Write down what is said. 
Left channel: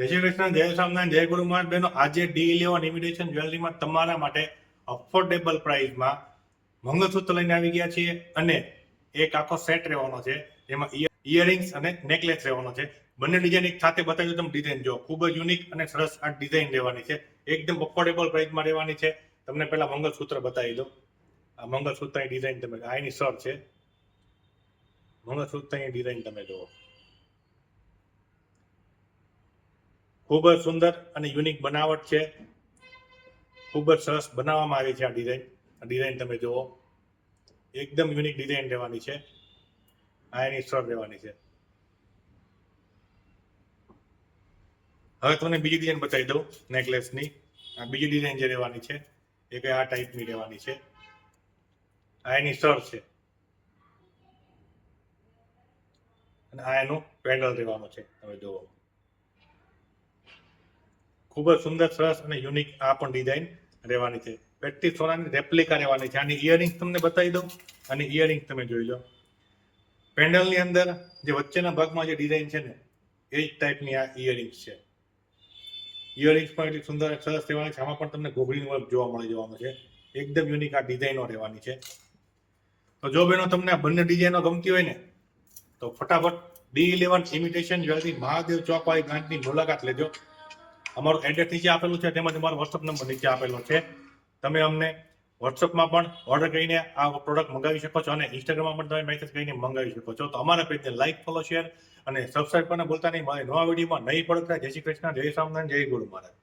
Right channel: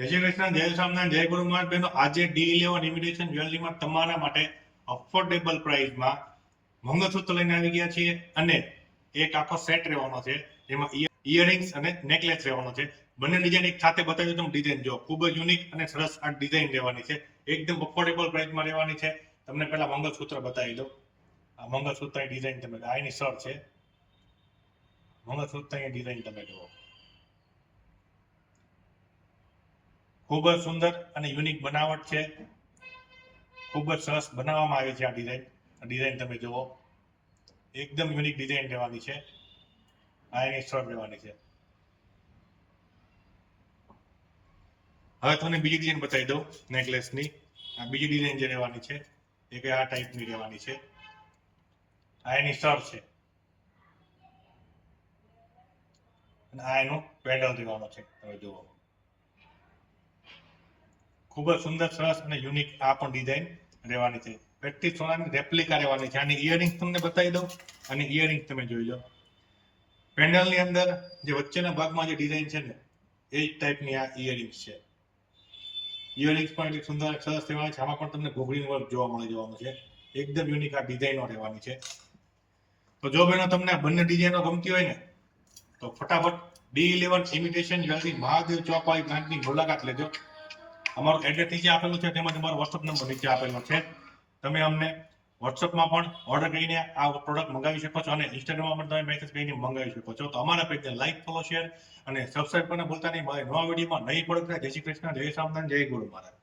જય શ્રી કૃષ્ણ, જય સ્વામિનારાયણ, જય ગુરુ મહારાજ. બહેનો, આજે D11 ઇમિટેશન જ્વેલરીમાં તમારા માટે અફોર્ડેબલ પ્રાઇસમાં મંગળસૂત્ર લઈને આવી ગયા છીએ અને એક આખો સેટ રહેવાનો છે. જેમાં ઇયરિંગ્સ અને નેકલેસ રહેવાનો છે. બંને ડિઝાઇન એક સાથે બતાવી દઉં. તમે ડિઝાઇન જો ખૂબ જ યુનિક અને સરસ આ ડિઝાઇન રહેવાની છે. એકદમ અફોર્ડેબલ પ્રાઇસમાં રહેવાની છે. તમને પહેલા મંગળસૂત્ર બતાવી દઉં. આ મંગળસૂત્રની ડિઝાઇન તમે આ એની સર છે. મંગળસૂત્રની ડિઝાઇન તમે જુઓ, ખૂબ જ સુંદર અને યુનિક બનાવટ છે. ખૂબ જ સરસ બનાવવામાં આવી છે આ ડિઝાઇન તમે જુઓ, એકદમ યુનિક ડિઝાઇન રહેવાની છે. આ એની સ્ટોર રહેવાની છે. હવે તમને બીજી ડિઝાઇન બતાવી દઉં નેકલેસની. આ બીજી ડિઝાઇન જે રહેવાની છે એ કે આ ટાઈપની રહેવાની છે. આ એની સ્ટોર છે અને આ એનું પેન્ડલ રહેવાનો છે. તમે જુઓ, ખૂબ જ સુંદર સરસ અને યુનિક આ પણ ડિઝાઇન રહેવાની છે. પેટી સોનાની રેપ્લિકા રહેવાની છે. આની ઇયરિંગ્સ તમને બતાવી દઉં. અને ઇયરિંગ્સ તમે જોઈ લો, પેન્ડલની અંદર જે વચ્ચેના ભાગમાં જે ડિઝાઇન છે ને એ જ ટાઈપની આ ઇયરિંગ્સ છે. ઇયરિંગ્સ પણ એટલી સુંદર સરસ રહેવાની છે. આમાં પણ તમને ગોગળીનું વર્ક જોવા મળી જવાનું છે. એકદમ યુનિક આ ડિઝાઇનો રહેવાની છે. તો જો બહેનો તમને આ બંને ડિઝાઇનો ગમતી હોય ને તો ફટાફટ D11 ઇમિટેશન જ્વેલરી મહાદેવ ચોકવાળી બ્રાન્ચની મુલાકાત લેજો. અમારું એડ્રેસ નીચે આપેલું છે, તેમજ અમારો વોટ્સઅપ નંબર નીચે આપેલો છે. તમે અમને વોટ્સઅપમાં પણ ઓર્ડર કરીને આ પ્રોડક્ટ મંગાવી શકો છો અને ઇન્સ્ટાગ્રામમાં પણ તમે મેસેજ કરીને મંગાવી શકો છો. તો અમારા પેજને લાઈક, ફોલો, શેર અને સબસ્ક્રાઇબ કરવાનું ભૂલતા નહીં. મારી નવા વિડીયોમાં નહીં પડતા. જય શ્રી કૃષ્ણ, જય સ્વામિનારાયણ, જય ગુરુ મહારાજ.